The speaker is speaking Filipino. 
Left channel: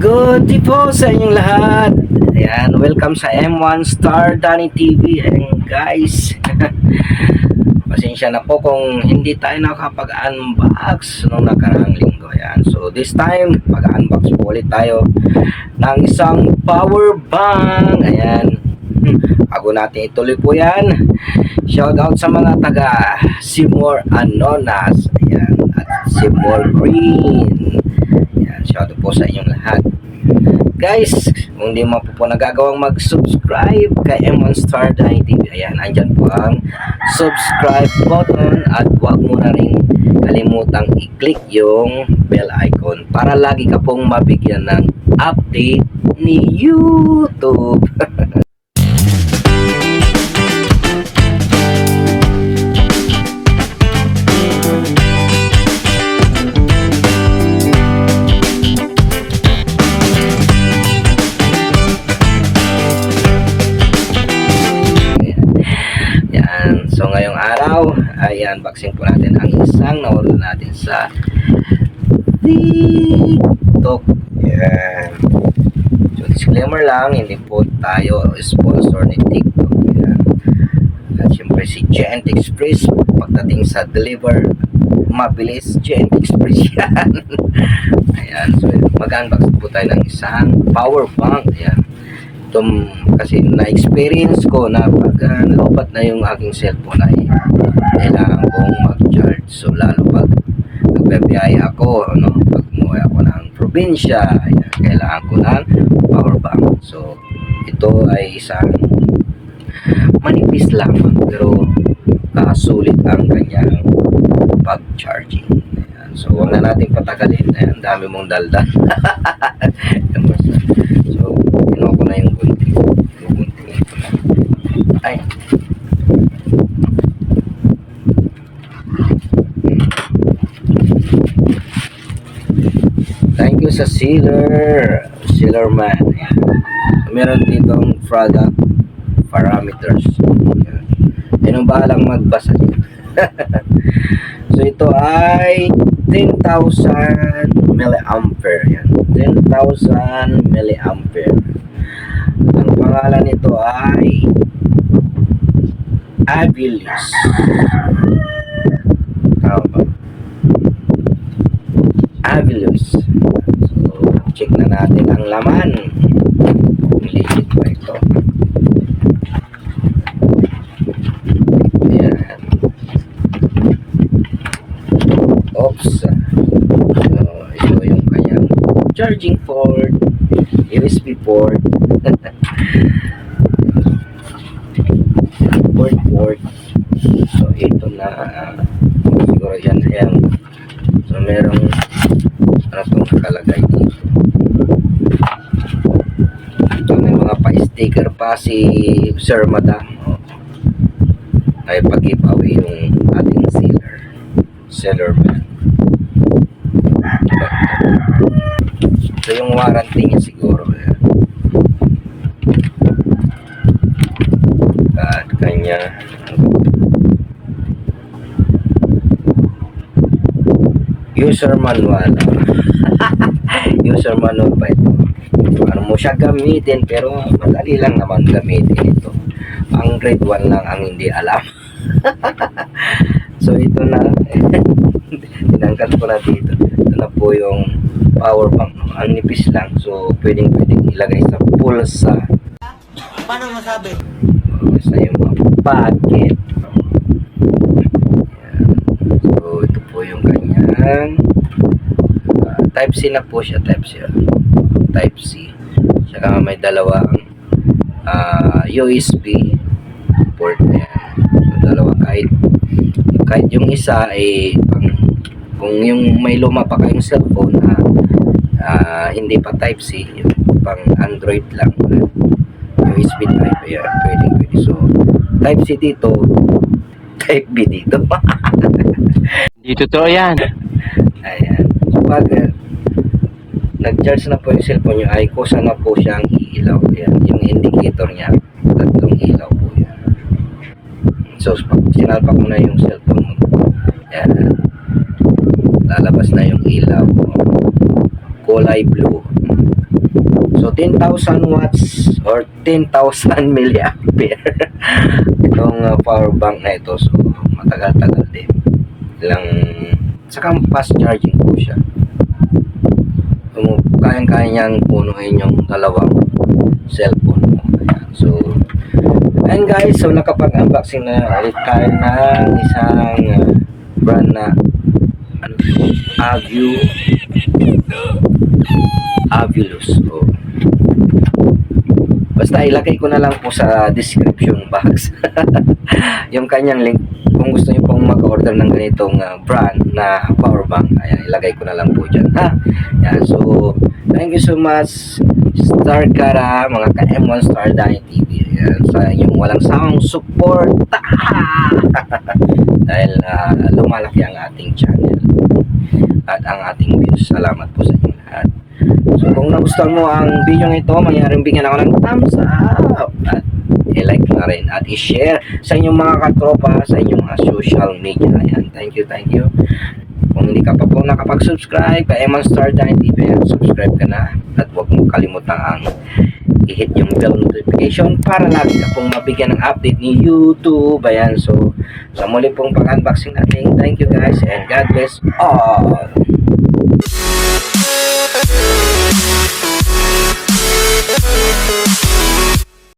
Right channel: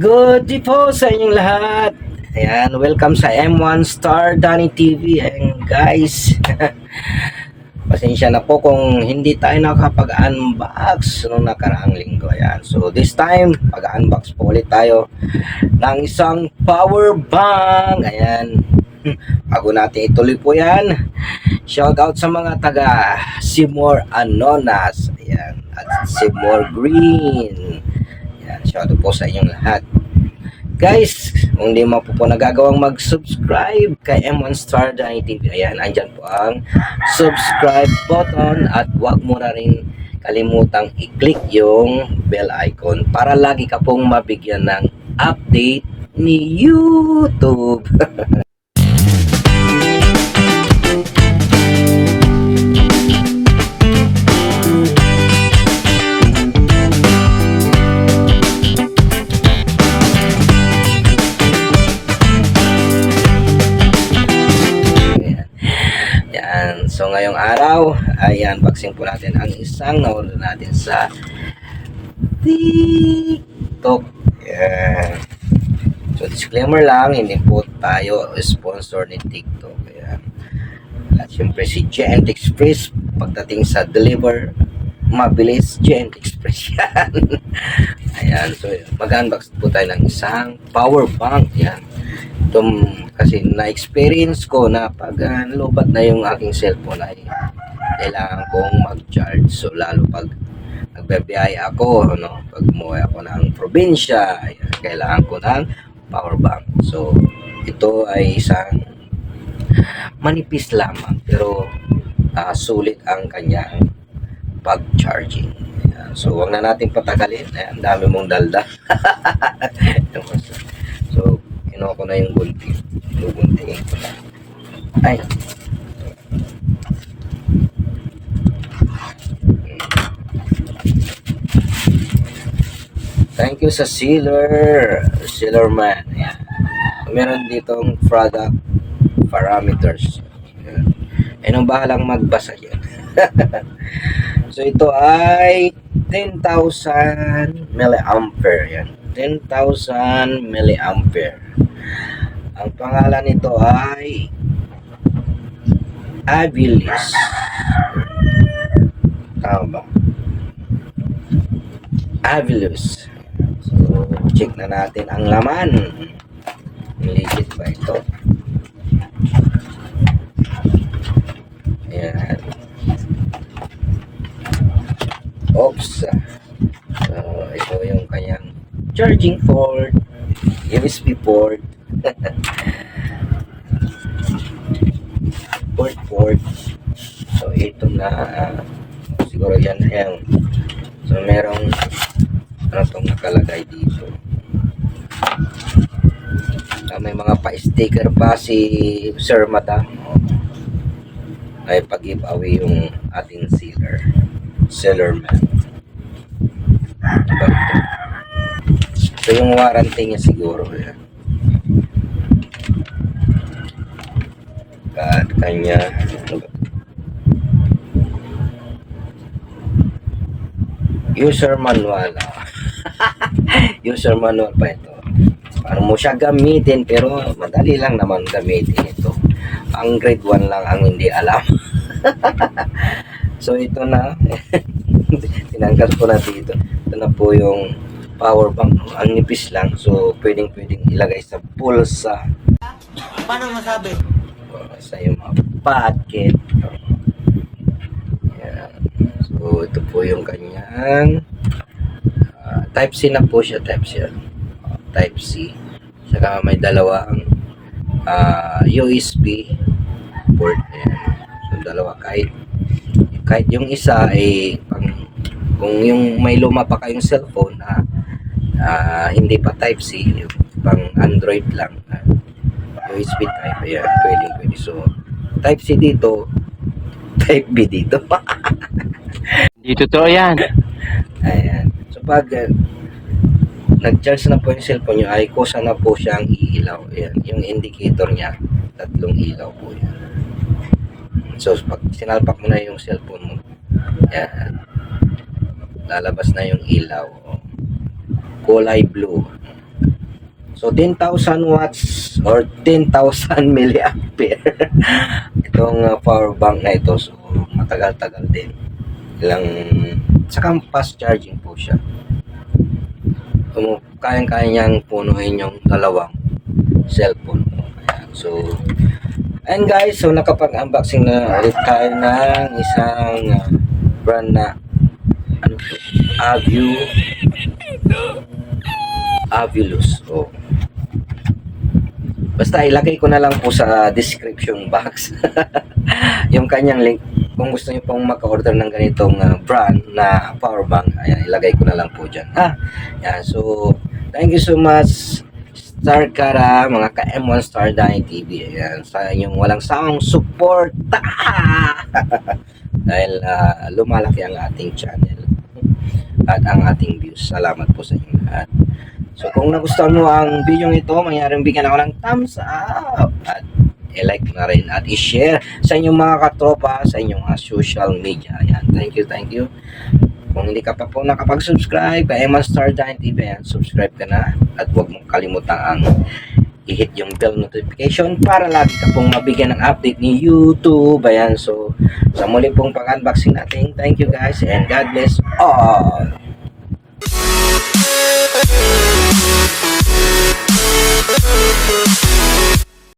Good day po sa inyong lahat. Ayan, welcome sa M1 Star Danny TV. Ayan guys, pasensya na po kung hindi tayo nakapag-unbox nung nakaraang linggo. Ayan, so this time, pag-unbox po ulit tayo ng isang power bank. Ayan, bago natin ituloy po yan, shout out sa mga taga Seymour Anonas, ayan, at Seymour Green. Ayan, shout out po sa inyong lahat. Guys, kung di mo po nagagawang mag-subscribe kay M1 Star Danny TV, ayan, andyan po ang subscribe button at huwag mo na rin kalimutang i-click yung bell icon para lagi ka pong mabigyan ng update ni YouTube. So ngayong araw ay unboxing po natin ang isang nawala natin sa TikTok. Yan. So disclaimer lang, hindi po tayo sponsor ni TikTok. Yan. At syempre si Giant Express, pagdating sa deliver mabilis, Giant Express yan. Ayan, so mag-unbox po tayo ng isang power bank. Yan. Kasi na-experience ko na pag lobat na yung aking cellphone ay kailangan kong mag-charge. So lalo pag nagbibiyaya ako, pag umuwi ako ng probinsya, ayan, kailangan ko ng power bank. So ito ay isang manipis lamang pero sulit ang kanyang pag-charging. Ayan. So huwag na natin patagalin. Ayan, dami mong dalda. So kinuha ko na yung gunting. Guntingin ko na. Ay. Thank you sa sealer man. Ayan. Meron ditong product parameters. Ayan ang bahalang magbasa yan. So ito ay 10,000 milliampere. Yan. 10,000 milliampere. Ang pangalan nito ay Abilis. Tama ba? Abilis. So, check na natin ang laman. Legit ba ito? Ayan. Oops. So, ito yung kanyang charging port, USB port, port. So ito na siguro yan. So merong itong nakalagay dito. So, may mga pa-sticker pa si Sir Madam. Ay pag-giveaway yung ating seller man. So yung warranty niya siguro yan. At kanya user manual. User manual pa ito. So, ano mo siya gamitin, pero madali lang naman gamitin ito. Ang grade 1 lang ang hindi alam. So ito na. Tinanggal ko na dito. Ito na po yung power bank. Ang nipis lang. So pwedeng ilagay sa pulsa. Paano masabi? Sa yung mga packet. Ayan. So ito po yung kanyang type C na po siya. Type C. Saka may dalawang USB port. Ayan. So dalawa, kahit yung isa ay kung yung may luma pa kayong cellphone hindi pa type C, yung pang Android lang, USB type, ayan, pwede. So type C dito, type B dito. Hindi totoo yan. Ayan. So pag nag-charge na po yung cellphone nyo, ay kusa na po siyang iilaw. Ayan, yung indicator niya, tatlong ilaw po yan. So pag sinalpak mo na yung cellphone mo, yan, lalabas na yung ilaw, kulay blue. So 10,000 watts or 10,000 milliampere itong power bank na ito. So matagal-tagal din. Saka fast charging po siya. Kayang-kaya niyang punuin yung dalawang cellphone mo. Ayan. So, and guys, so nakapag-unboxing na ulit tayo ng isang brand na Avilus. So, basta ilagay ko na lang po sa description box yung kanyang link kung gusto niyo pong mag-order ng ganitong brand na power bank. Ayan, ilagay ko na lang po dyan, ha. Ayan, so thank you so much Star Cara, mga ka-M1 Star Dani TV. Ayan, sa inyong walang sawang suporta dahil lumalaki ang ating channel at ang ating views. Salamat po sa inyong lahat. So kung nagustuhan mo ang video ito, mangyaring bigyan ako ng thumbs up at i-like na rin at i-share sa inyong mga katropa sa inyong mga social media. Ayan, thank you. Kung hindi ka pa po nakapag-subscribe kay M1 Star Dani TV, subscribe ka na at huwag mong kalimutan ang i-hit yung bell notification para lagi ka pong mabigyan ng update ni YouTube. Ayan, so sa muli pong pag-unboxing natin, thank you guys and God bless all.